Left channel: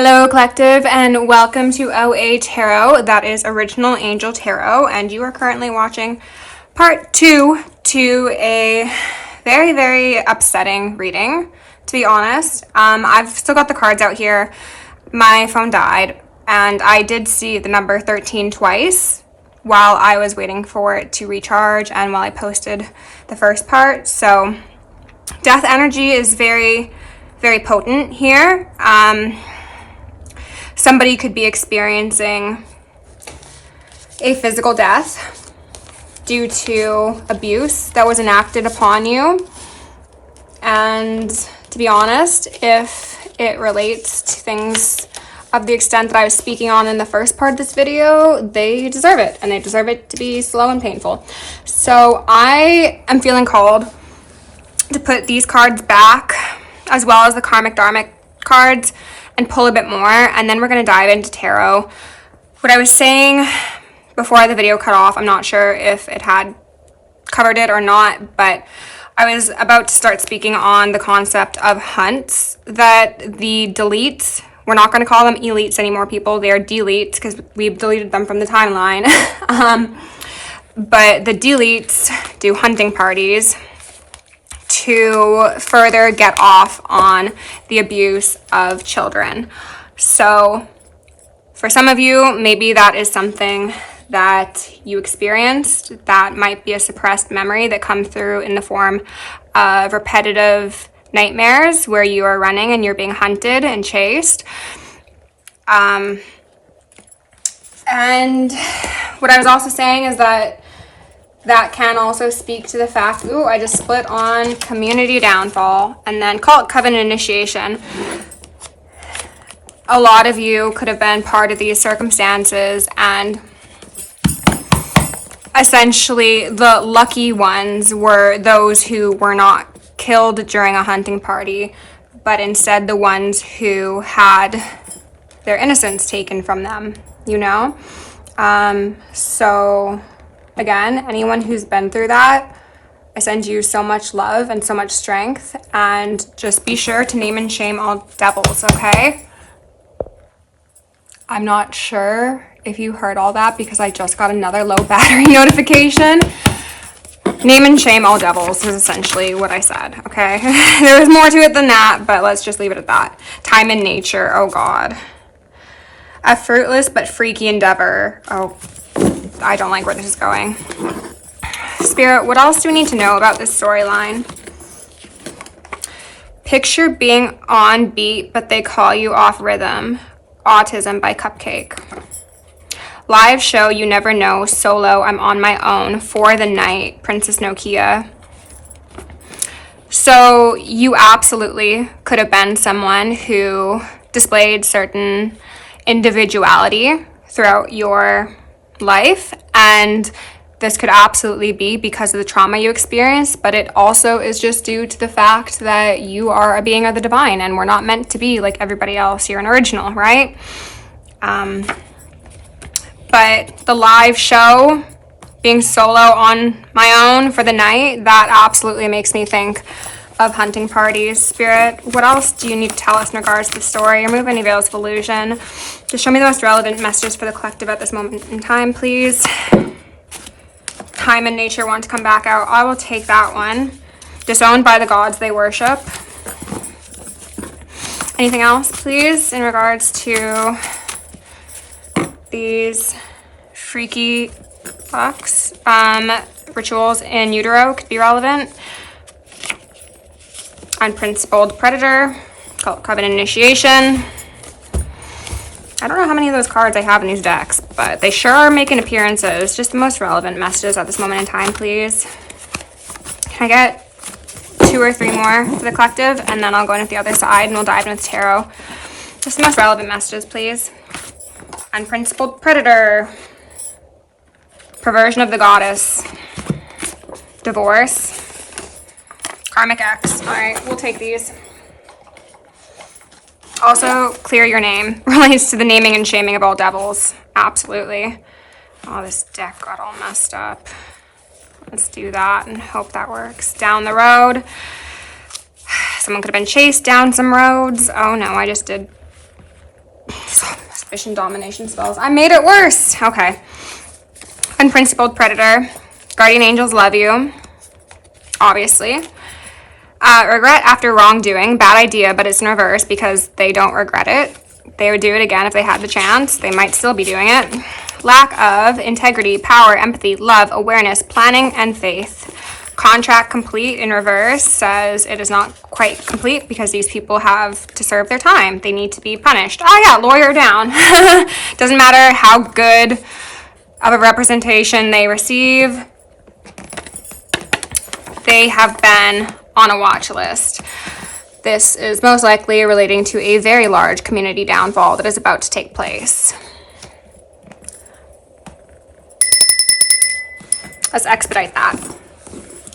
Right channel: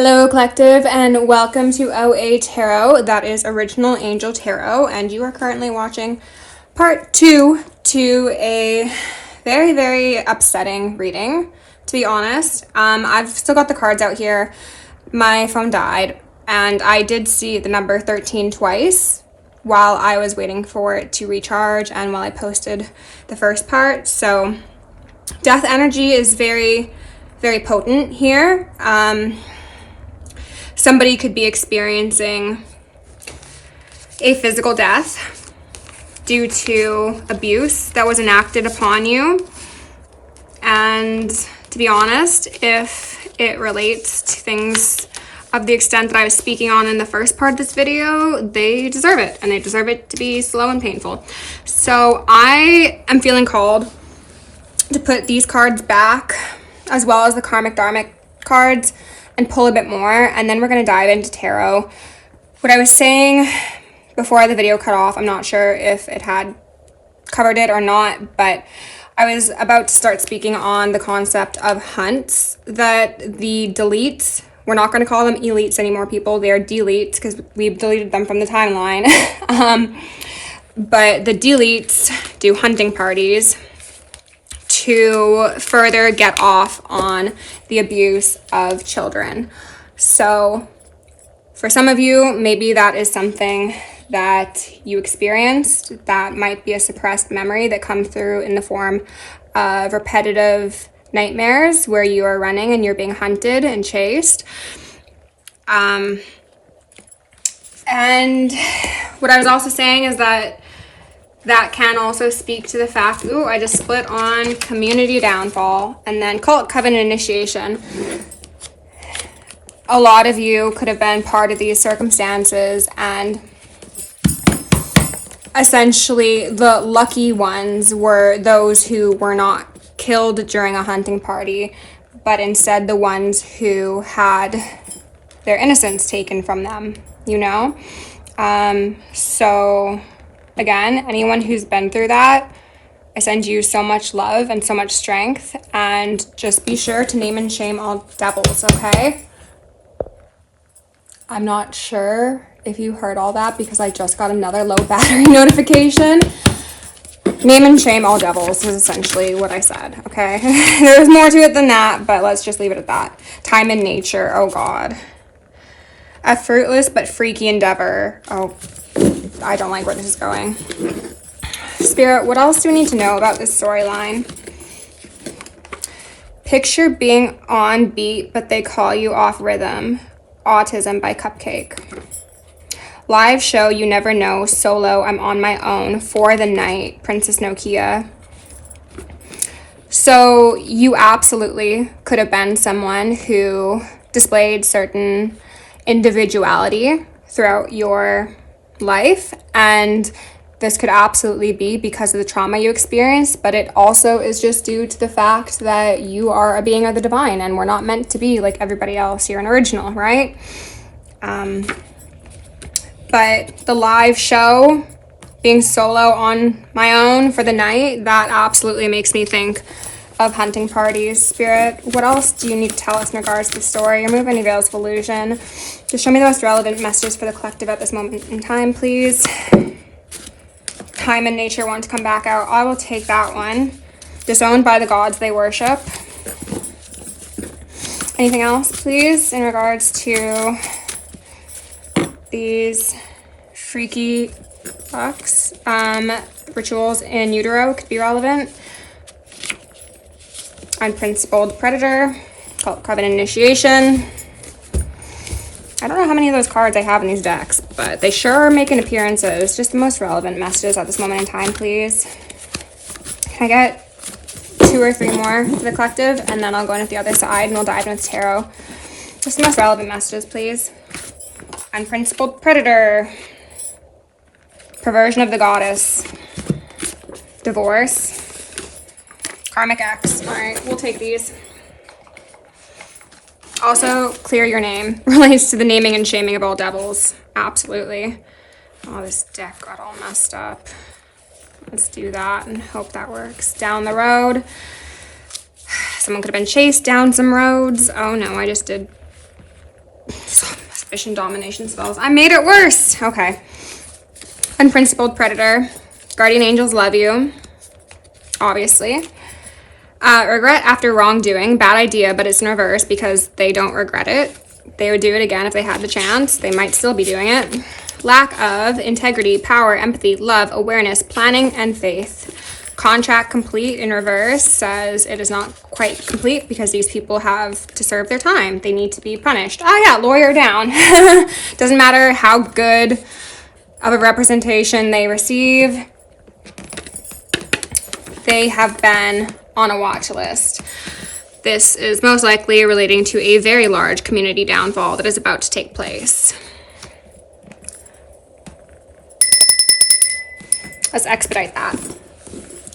Hello collective and welcome to OAtarot. That is Original Angel Tarot, and you are currently watching part 2 to a very, very upsetting reading, to be honest. I've still got the cards out here. My phone died and I did see the number 13 twice while I was waiting for it to recharge and while I posted the first part. So death energy is very, very potent here. Somebody could be experiencing a physical death due to abuse that was enacted upon you. And to be honest, if it relates to things of the extent that I was speaking on in the first part of this video, they deserve it, and they deserve it to be slow and painful. So I am feeling called to put these cards back, as well as the karmic dharmic cards, and pull a bit more, and then we're going to dive into tarot. What I was saying before the video cut off, I'm not sure if it had covered it or not, but I was about to start speaking on the concept of hunts, that the deletes, we're not going to call them elites anymore, people, they are deletes because we've deleted them from the timeline. But the deletes do hunting parties to further get off on the abuse of children. So for some of you, maybe that is something that you experienced. That might be a suppressed memory that comes through in the form of repetitive nightmares where you are running and you're being hunted and chased. And what I was also saying is that can also speak to the fact, ooh, I just split on community downfall and then cult covenant initiation. A lot of you could have been part of these circumstances, and essentially the lucky ones were those who were not killed during a hunting party, but instead the ones who had their innocence taken from them, you know? So again, anyone who's been through that, I send you so much love and so much strength, and just be sure to name and shame all devils, okay? I'm not sure if you heard all that because I just got another low battery notification. Name and shame all devils is essentially what I said, okay? There was more to it than that, but let's just leave it at that. Time and nature, oh God. A fruitless but freaky endeavor. Oh, I don't like where this is going. Spirit, what else do we need to know about this storyline? Picture being on beat, but they call you off rhythm. Autism by Cupcake. Live show, you never know. Solo, I'm on my own. For the night, Princess Nokia. So you absolutely could have been someone who displayed certain individuality throughout your life, and this could absolutely be because of the trauma you experienced, but it also is just due to the fact that you are a being of the divine and we're not meant to be like everybody else. You're an original, right? But the live show, being solo on my own for the night, that absolutely makes me think of hunting parties. Spirit, what else do you need to tell us in regards to the story? Remove any veils of illusion. Just show me the most relevant messages for the collective at this moment in time, please. Time and nature want to come back out. I will take that one. Disowned by the gods they worship. Anything else, please, in regards to these freaky fucks? Rituals in utero could be relevant. Unprincipled predator. Cult covenant initiation. I don't know how many of those cards I have in these decks, but they sure are making appearances. Just the most relevant messages at this moment in time, please. Can I get 2 or 3 more for the collective? And then I'll go in with the other side and we'll dive into tarot. Just the most relevant messages, please. Unprincipled predator. Perversion of the goddess. Divorce. Karmic X. All right, we'll take these. Also, clear your name. Relates to the naming and shaming of all devils. Absolutely. Oh, this deck got all messed up. Let's do that and hope that works. Down the road. Someone could have been chased down some roads. Oh no, I just did Suspicion, domination spells. I made it worse. Okay. Unprincipled predator. Guardian angels love you. Obviously. Regret after wrongdoing. Bad idea, but it's in reverse because they don't regret it. They would do it again if they had the chance. They might still be doing it. Lack of integrity, power, empathy, love, awareness, planning, and faith. Contract complete in reverse says it is not quite complete because these people have to serve their time. They need to be punished. Oh yeah, lawyer down. Doesn't matter how good of a representation they receive. They have been on a watch list. This is most likely relating to a very large community downfall that is about to take place. Let's expedite that.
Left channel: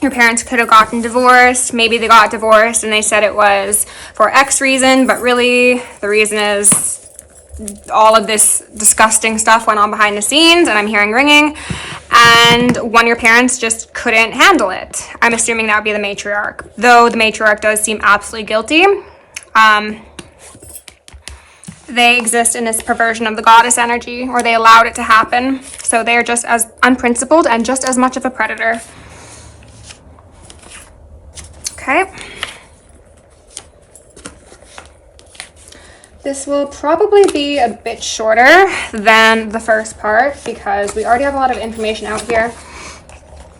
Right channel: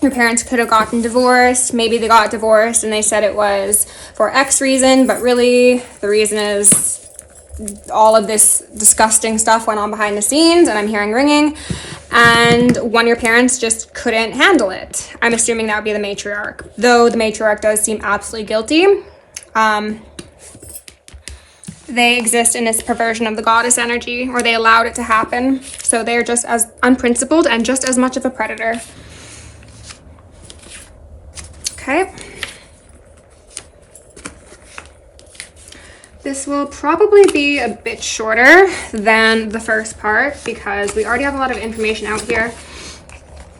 Your parents could have gotten divorced. Maybe they got divorced and they said it was for X reason, but really the reason is all of this disgusting stuff went on behind the scenes, and I'm hearing ringing, and one of your parents just couldn't handle it. I'm assuming that would be the matriarch, though the matriarch does seem absolutely guilty. They exist in this perversion of the goddess energy, or they allowed it to happen, so they are just as unprincipled and just as much of a predator. Okay. This will probably be a bit shorter than the first part because we already have a lot of information out here.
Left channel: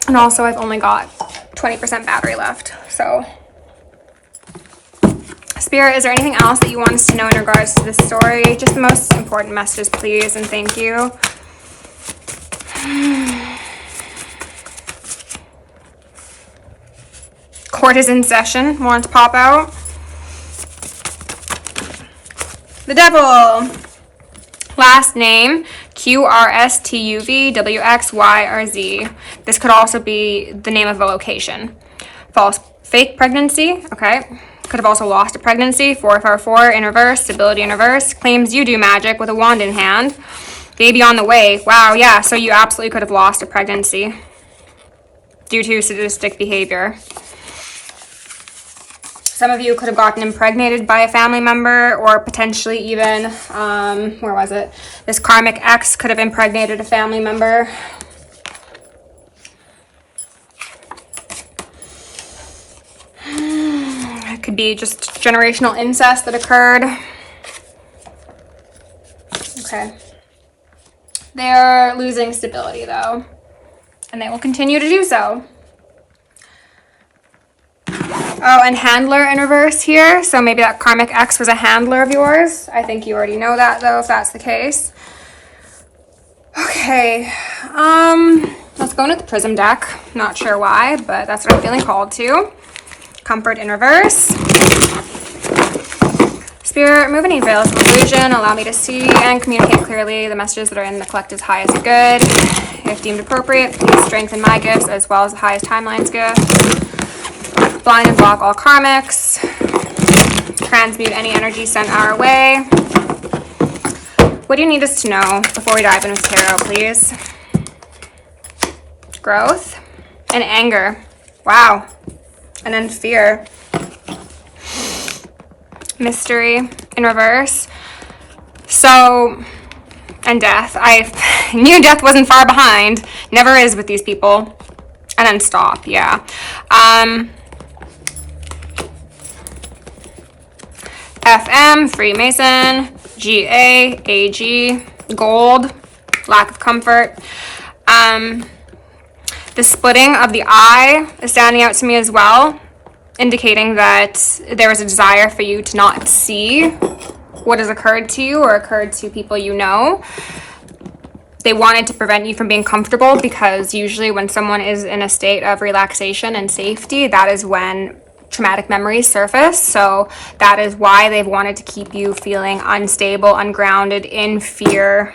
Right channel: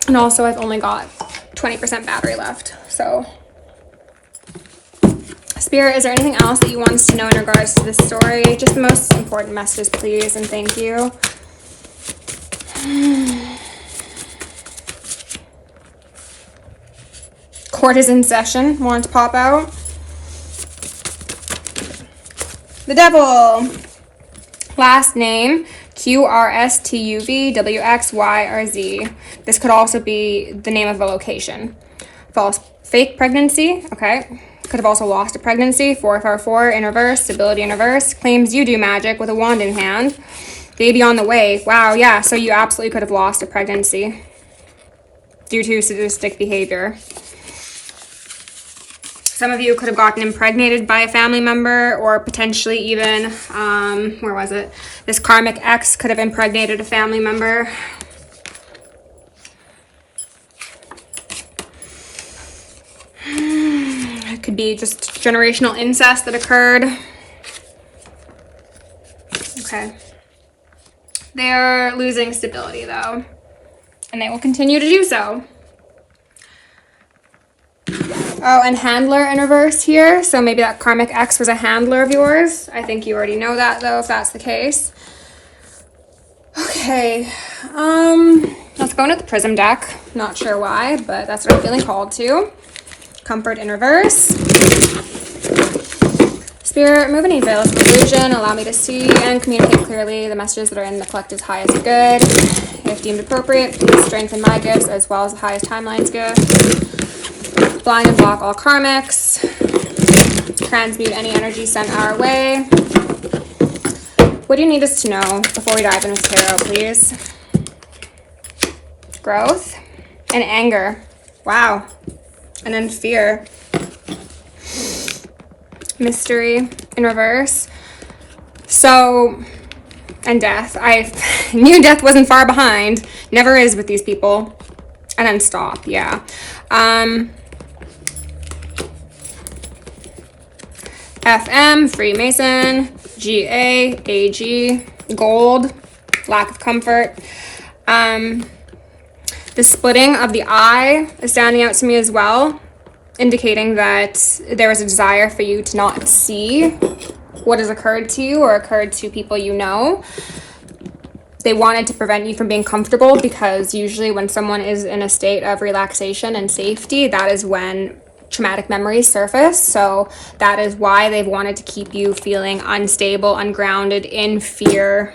And also I've only got 20% battery left. So, Spirit, is there anything else that you want us to know in regards to this story? Just the most important messages, please, and thank you. Court is in session. Want to pop out? The devil. Last name, QRSTUVWXYRZ. This could also be the name of a location. False fake pregnancy. Okay. Could have also lost a pregnancy. 444 in reverse. Stability in reverse. Claims you do magic with a wand in hand. Baby on the way. Wow, yeah. So you absolutely could have lost a pregnancy due to sadistic behavior. Some of you could have gotten impregnated by a family member, or potentially even, where was it? This karmic ex could have impregnated a family member. It could be just generational incest that occurred. Okay. They're losing stability though, and they will continue to do so. Oh, and handler in reverse here. So maybe that karmic ex was a handler of yours. I think you already know that though, if that's the case. Okay, let's go into the prism deck. Not sure why, but that's what I'm feeling called to. Comfort in reverse. Spirit, remove any veils of illusion. Allow me to see and communicate clearly the messages that are in the collective's highest good. If deemed appropriate, please strengthen my gifts as well as the highest timeline's gift. Blind and block all karmics. Transmute any energy sent our way. What do you need us to know before we dive into tarot, please? Growth and anger. Wow. And then fear. Mystery in reverse. So, and death. I knew death wasn't far behind. Never is with these people. And then stop, yeah. FM, Freemason, GA, AG, gold, lack of comfort. The splitting of the eye is standing out to me as well, indicating that there is a desire for you to not see what has occurred to you or occurred to people you know. They wanted to prevent you from being comfortable because usually when someone is in a state of relaxation and safety, that is when traumatic memories surface. So that is why they've wanted to keep you feeling unstable, ungrounded, in fear.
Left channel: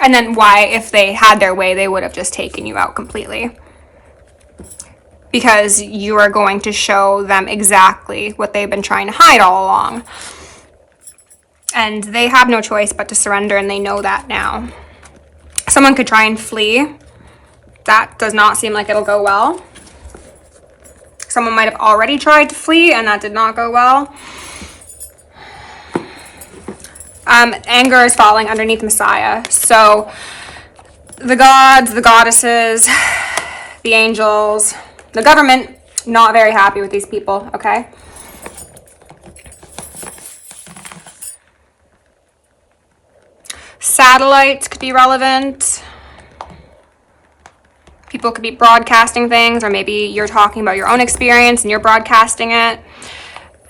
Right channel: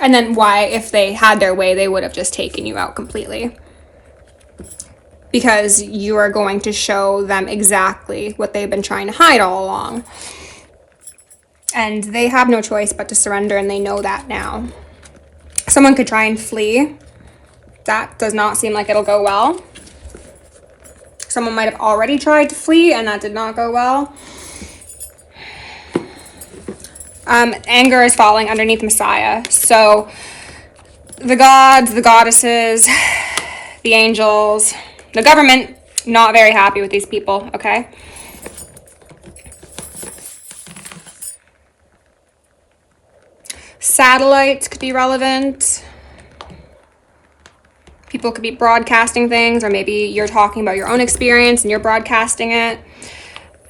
And then why, if they had their way, they would have just taken you out completely. Because you are going to show them exactly what they've been trying to hide all along. And they have no choice but to surrender, and they know that now. Someone could try and flee. That does not seem like it'll go well. Someone might have already tried to flee, and that did not go well. Anger is falling underneath Messiah. So the gods, the goddesses, the angels, the government, not very happy with these people, okay? Satellites could be relevant. People could be broadcasting things, or maybe you're talking about your own experience and you're broadcasting it.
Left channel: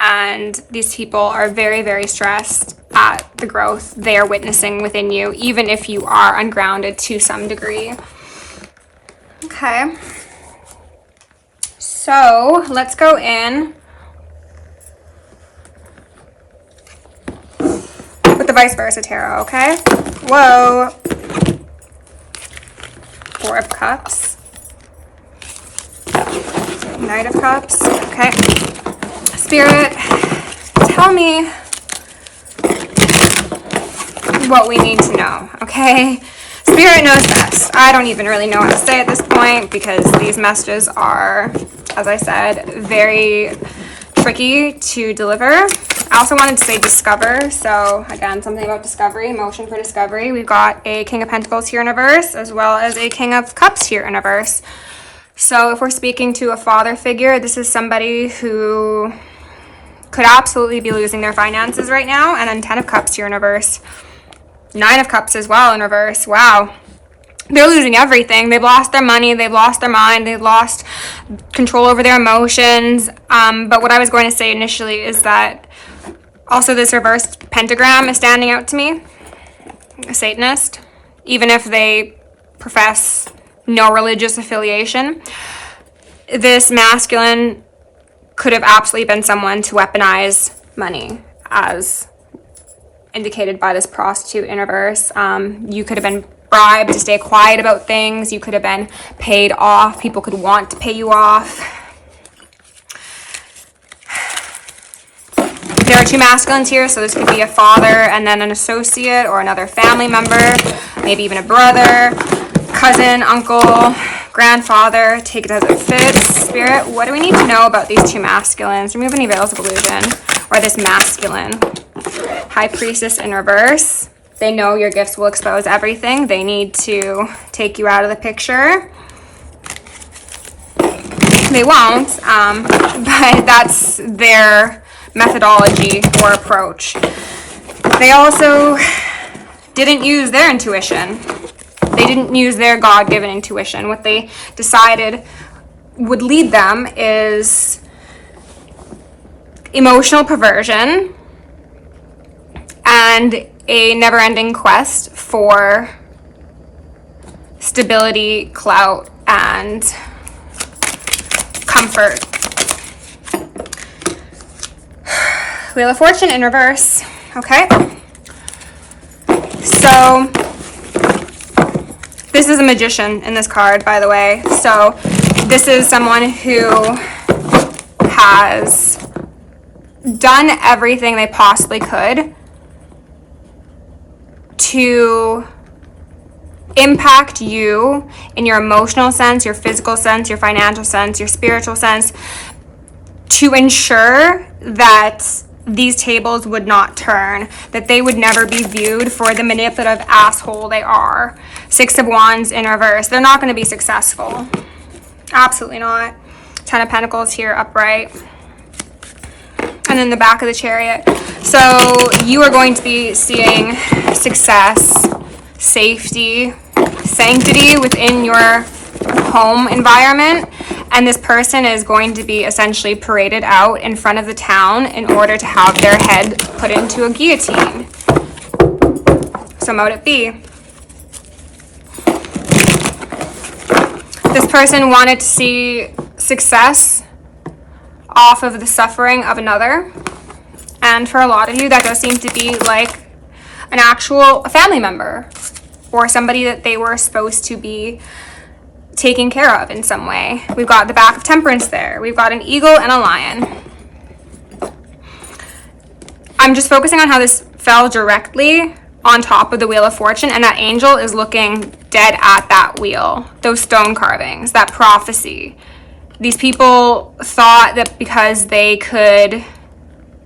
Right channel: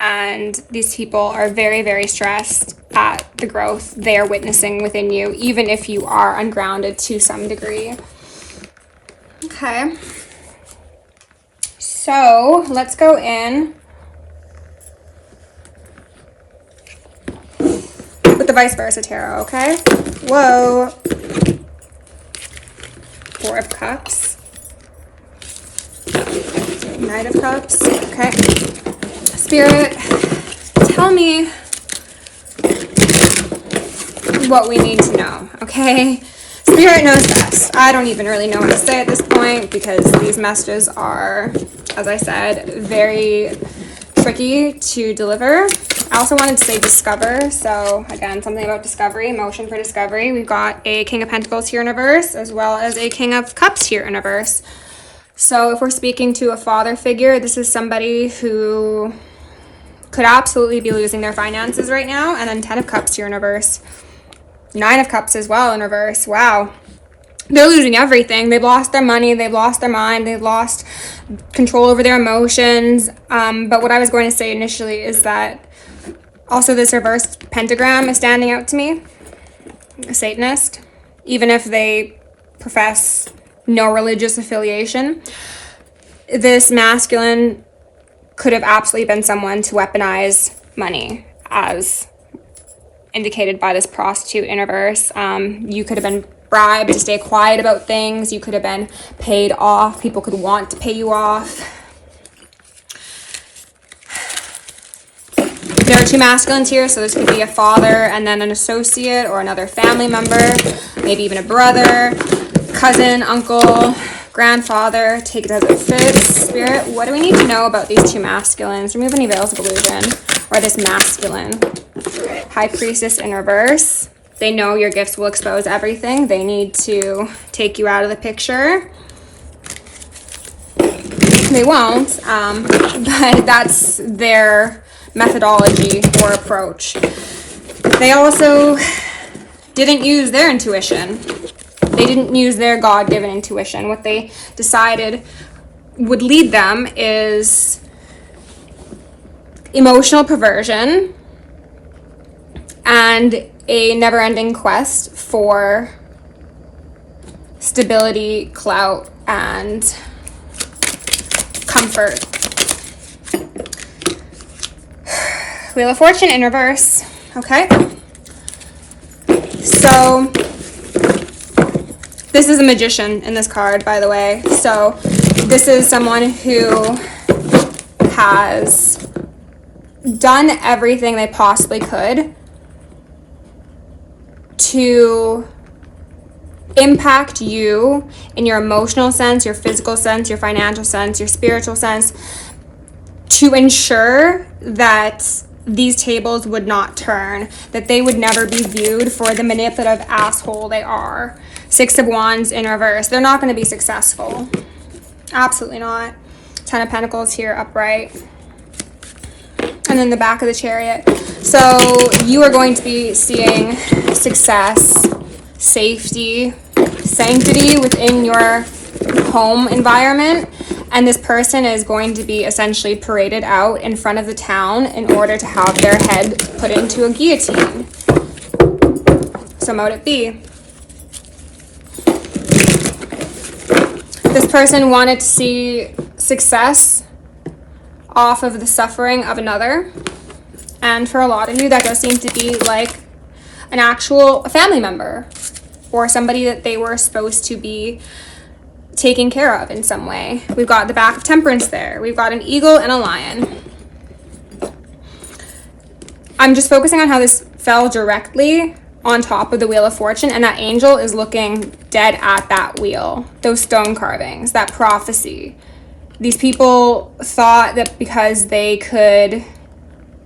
And these people are very, very stressed at the growth they are witnessing within you, even if you are ungrounded to some degree. Okay. So let's go in with the vice versa tarot, okay? Whoa. Four of Cups. Knight of Cups. Okay. Spirit, tell me what we need to know, okay? Spirit knows best. I don't even really know what to say at this point because these messages are, as I said, very tricky to deliver. I also wanted to say discover. So again, something about discovery, motion for discovery. We've got a King of Pentacles here in reverse, as well as a King of Cups here in reverse. So if we're speaking to a father figure, this is somebody who could absolutely be losing their finances right now. And then 10 of Cups here in reverse. 9 of Cups as well in reverse. Wow. They're losing everything. They've lost their money. They've lost their mind. They've lost control over their emotions. But what I was going to say initially is that also this reverse pentagram is standing out to me. A Satanist. Even if they profess no religious affiliation. This masculine could have absolutely been someone to weaponize money, as indicated by this prostitute in reverse. You could have been bribed to stay quiet about things. You could have been paid off. People could want to pay you off. There are two masculines here, so this could be a father and then an associate or another family member, maybe even a brother, cousin, uncle, grandfather. Take it as it fits. Spirit, what do we need to know about these two masculines? Remove any veils of illusion, or this masculine. High Priestess in reverse. They know your gifts will expose everything. They need to take you out of the picture. They won't, but that's their methodology or approach. They also didn't use their intuition. They didn't use their God-given intuition. What they decided would lead them is emotional perversion and a never-ending quest for stability, clout, and comfort. Wheel of Fortune in reverse. Okay. So this is a magician in this card, by the way. So this is someone who has done everything they possibly could to impact you in your emotional sense, your physical sense, your financial sense, your spiritual sense, to ensure that these tables would not turn, that they would never be viewed for the manipulative asshole they are. 6 of Wands in reverse. They're not going to be successful. Absolutely not. 10 of Pentacles here upright. And then the back of the Chariot. So you are going to be seeing success, safety, sanctity within your home environment. And this person is going to be essentially paraded out in front of the town in order to have their head put into a guillotine. So mote it be. This person wanted to see success off of the suffering of another. And for a lot of you, that does seem to be like an actual family member or somebody that they were supposed to be taken care of in some way. We've got the back of Temperance there. We've got an eagle and a lion. I'm just focusing on how this fell directly on top of the Wheel of Fortune, and that angel is looking dead at that wheel. Those stone carvings, that prophecy. These people thought that because they could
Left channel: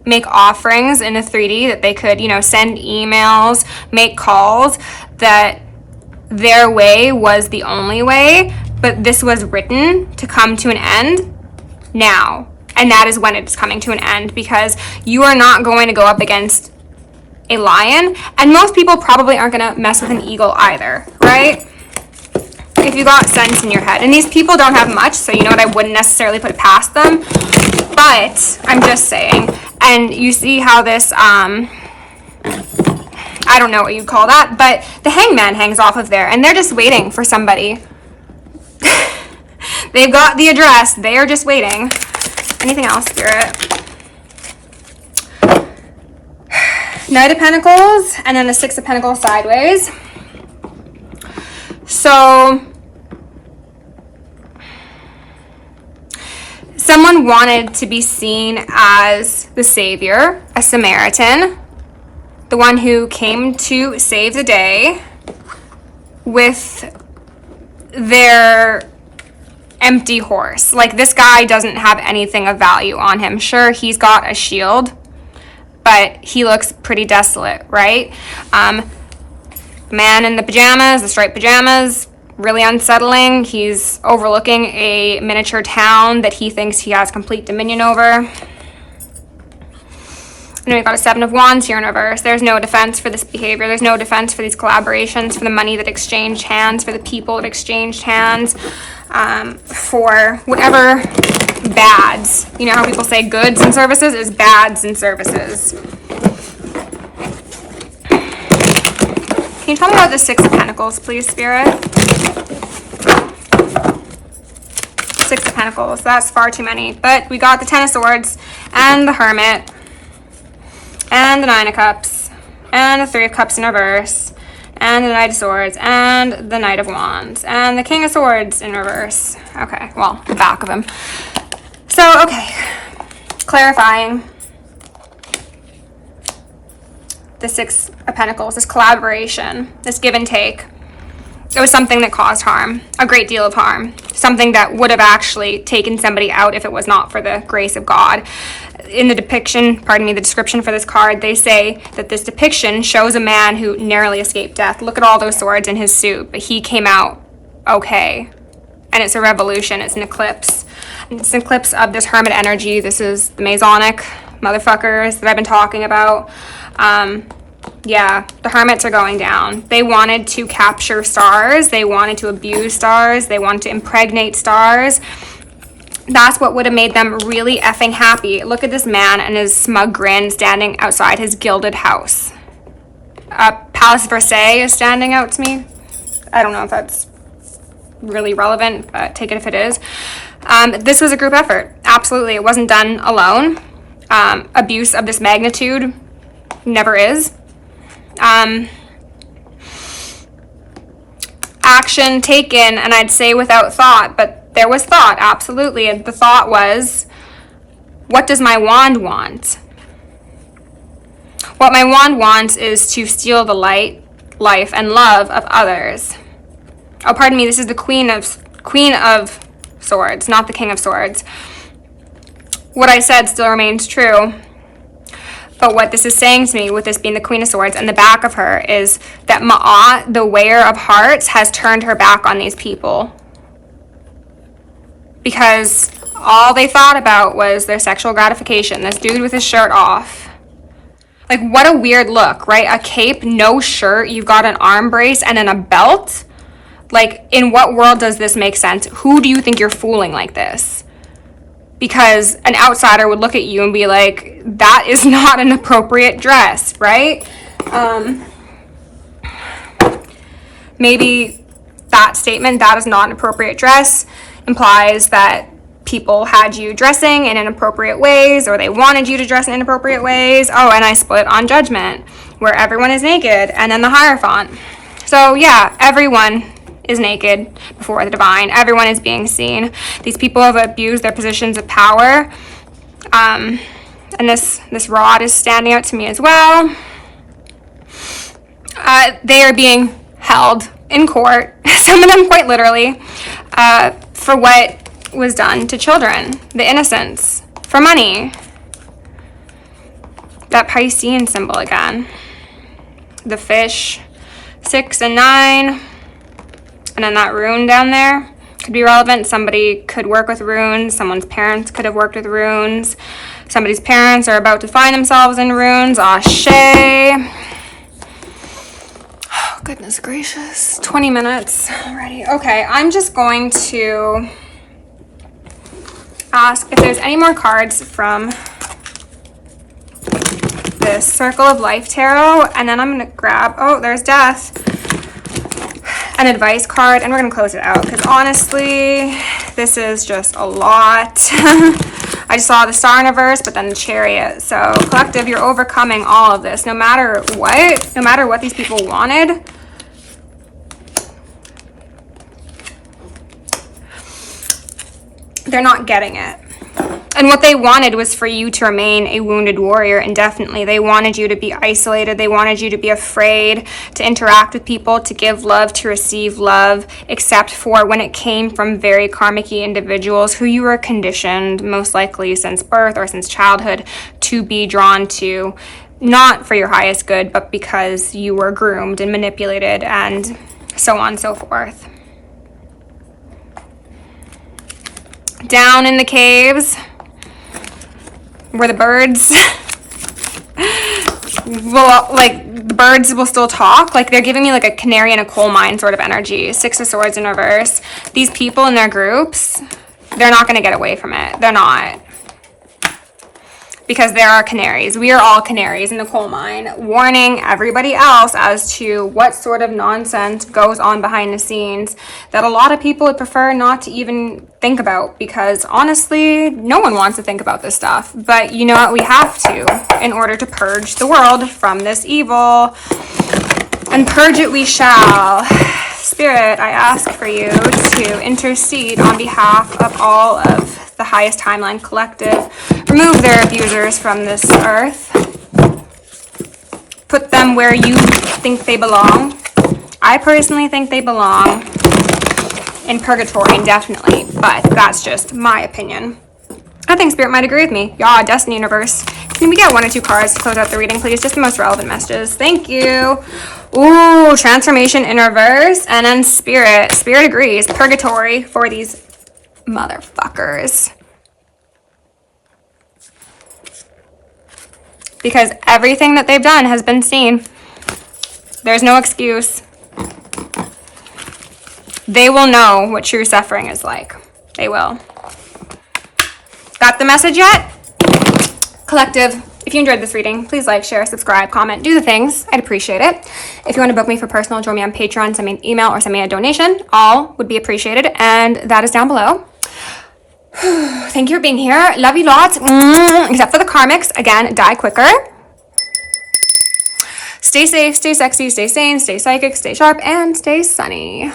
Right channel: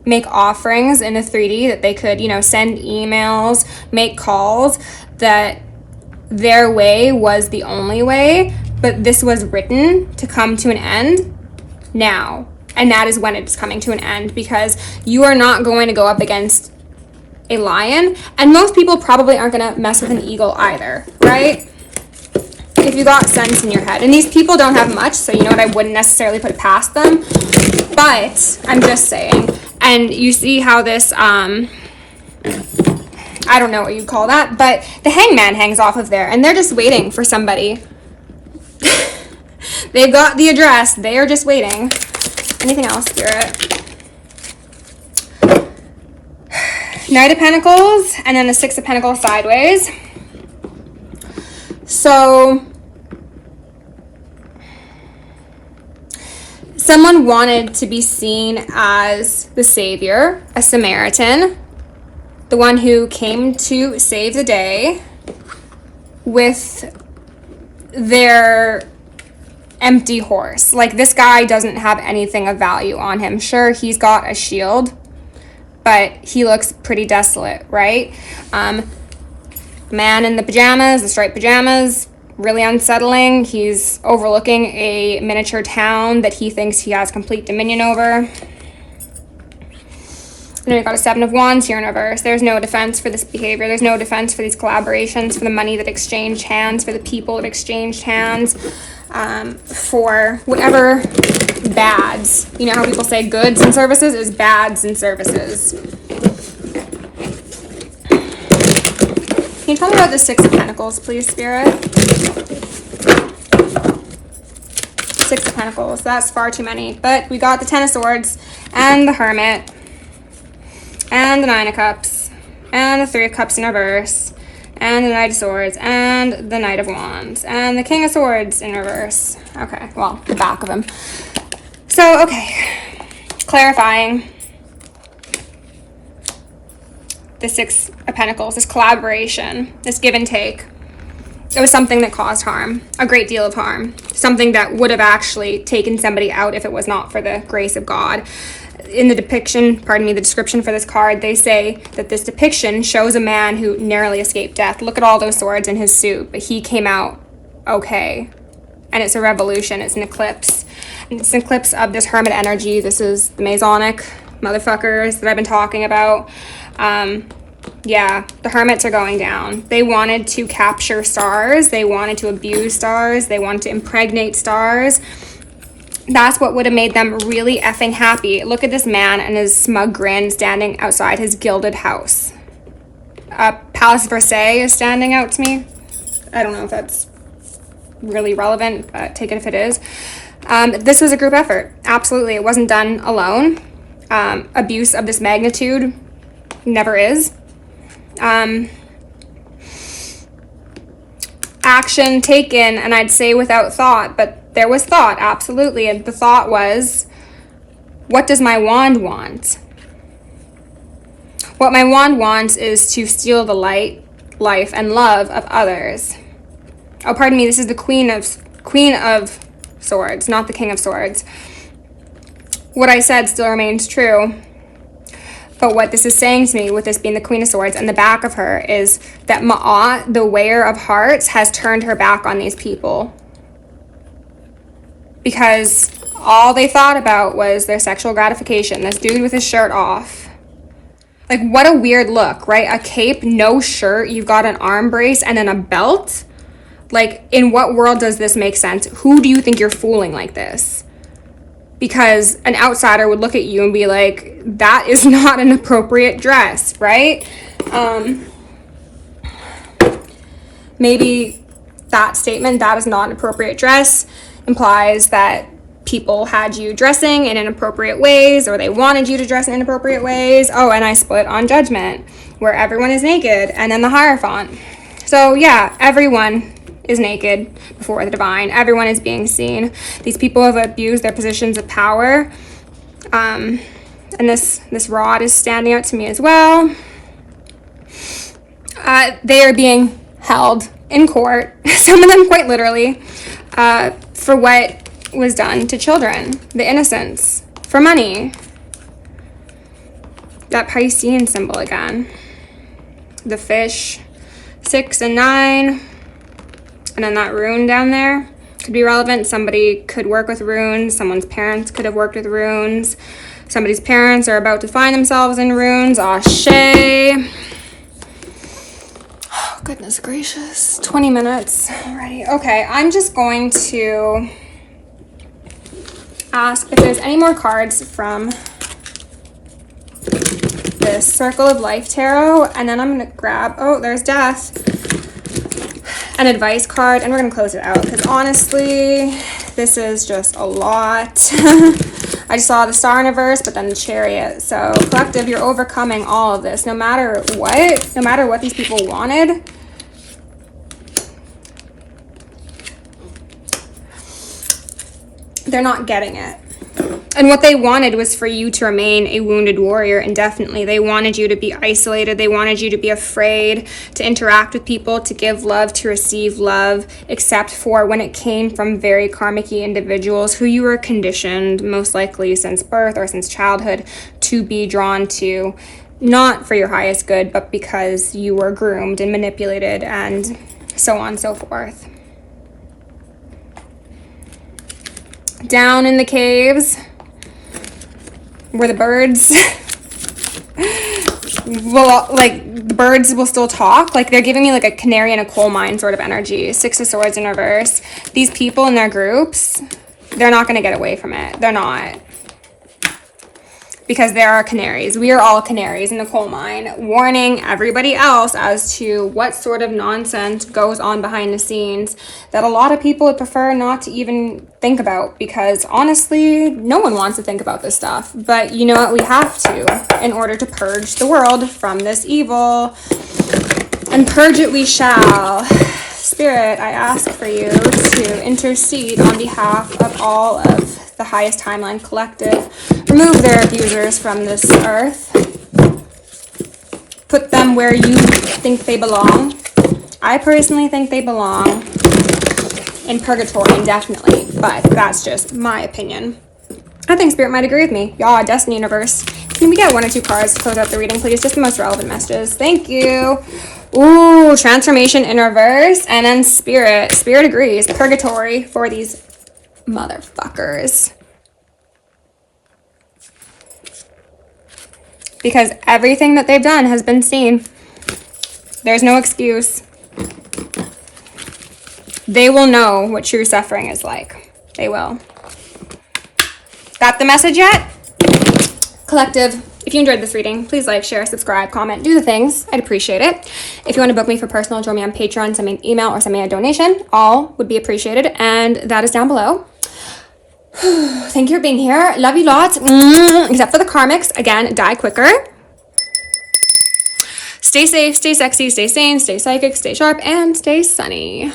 make offerings in a 3D, that they could, you know, send emails, make calls, that their way was the only way, but this was written to come to an end now. And that is when it's coming to an end, because you are not going to go up against a lion, and most people probably aren't going to mess with an eagle either, right? If you got sense in your head. And these people don't have much, so you know what, I wouldn't necessarily put it past them, but I'm just saying. And you see how this, I don't know what you'd call that, but the hangman hangs off of there, and they're just waiting for somebody. They've got the address, they are just waiting. Anything else, Spirit? Knight of Pentacles, and then the Six of Pentacles sideways. So, someone wanted to be seen as the savior, a Samaritan, the one who came to save the day with their empty horse. Like, this guy doesn't have anything of value on him. Sure, he's got a shield, but he looks pretty desolate, right? Man in the pajamas, the striped pajamas, really unsettling. He's overlooking a miniature town that he thinks he has complete dominion over. You know, you've got a Seven of Wands here in reverse. There's no defense for this behavior. There's no defense for these collaborations, for the money that exchanged hands, for the people that exchanged hands, for whatever bads. You know how people say goods and services is bads and services. Can you tell me about the Six of Pentacles, please, Spirit? Six of Pentacles. That's far too many. But we got the Ten of Swords and the Hermit and the Nine of Cups and the Three of Cups in reverse and the Knight of Swords and the Knight of Wands and the King of Swords in reverse. Okay, well, the back of him. So, okay, clarifying. The Six of Pentacles, this collaboration, this give and take. It was something that caused harm, a great deal of harm, something that would have actually taken somebody out if it was not for the grace of God. In the depiction, pardon me, the description for this card, they say that this depiction shows a man who narrowly escaped death. Look at all those swords in his suit, but he came out okay. And it's a revolution, it's an eclipse. It's an eclipse of this hermit energy. This is the Masonic motherfuckers that I've been talking about. Yeah, the hermits are going down. They wanted to capture stars. They wanted to abuse stars. They wanted to impregnate stars. That's what would have made them really effing happy. Look at this man and his smug grin standing outside his gilded house. Palace of Versailles is standing out to me. I don't know if that's really relevant, but take it if it is. This was a group effort. Absolutely. It wasn't done alone. Abuse of this magnitude never is. Action taken, and I'd say without thought, but there was thought, absolutely. And the thought was, what does my wand want? What my wand wants is to steal the light, life, and love of others. Oh, pardon me, this is the Queen of Swords, not the King of Swords. What I said still remains true. But what this is saying to me, with this being the Queen of Swords, and the back of her, is that Ma'at, the wearer of hearts, has turned her back on these people. Because all they thought about was their sexual gratification. This dude with his shirt off. Like, what a weird look, right? A cape, no shirt, you've got an arm brace, and then a belt? Like, in what world does this make sense? Who do you think you're fooling like this? Because an outsider would look at you and be like, that is not an appropriate dress, right? Maybe that statement, that is not an appropriate dress, implies that people had you dressing in inappropriate ways, or they wanted you to dress in inappropriate ways. Oh, and I split on Judgment, where everyone is naked, and then the Hierophant. So yeah, everyone is naked before the divine. Everyone is being seen. These people have abused their positions of power. And this rod is standing out to me as well. They are being held in court, some of them quite literally, for what was done to children, the innocents, for money. that Piscean symbol again. The fish, 6 and 9. And then that rune down there could be relevant. Somebody could work with runes. Someone's parents could have worked with runes. Somebody's parents are about to find themselves in runes. Ashe. Oh, goodness gracious. 20 minutes already. Okay, I'm just going to ask if there's any more cards from this Circle of Life Tarot, and then I'm going to grab, oh, there's Death, an advice card, and we're going to close it out, because honestly, this is just a lot. I just saw the Star in reverse, but then the Chariot. So, collective, you're overcoming all of this, no matter what these people wanted. They're not getting it. And what they wanted was for you to remain a wounded warrior indefinitely. They wanted you to be isolated. They wanted you to be afraid to interact with people, to give love, to receive love, except for when it came from very karmic-y individuals who you were conditioned, most likely since birth or since childhood, to be drawn to, not for your highest good, but because you were groomed and manipulated and so on and so forth. Down in the caves, where the birds, well, like, the birds will still talk. Like, they're giving me like a canary in a coal mine sort of energy. 6 of Swords in reverse. These people in their groups, they're not going to get away from it. They're not. Because there are canaries. We are all canaries in the coal mine, warning everybody else as to what sort of nonsense goes on behind the scenes that a lot of people would prefer not to even think about, because honestly, no one wants to think about this stuff. But you know what? We have to, in order to purge the world from this evil. And purge it we shall. Spirit, I ask for you to intercede on behalf of all of the highest timeline collective. Remove their abusers from this earth. Put them where you think they belong. I personally think they belong in purgatory indefinitely, but that's just my opinion. I think Spirit might agree with me. Yeah, Destiny Universe. Can we get 1 or 2 cards to close out the reading, please? Just the most relevant messages. Thank you. Ooh, Transformation in reverse. And then Spirit. Spirit agrees. Purgatory for these motherfuckers. Because everything that they've done has been seen. There's no excuse. They will know what true suffering is like. They will. Got the message yet? Collective, if you enjoyed this reading, please like, share, subscribe, comment, do the things. I'd appreciate it. If you want to book me for personal, join me on Patreon, send me an email, or send me a donation. All would be appreciated, and that is down below. Thank you for being here. Love you lots. Except for the karmics. Again, die quicker. Stay safe, stay sexy, stay sane, stay psychic, stay sharp, and stay sunny.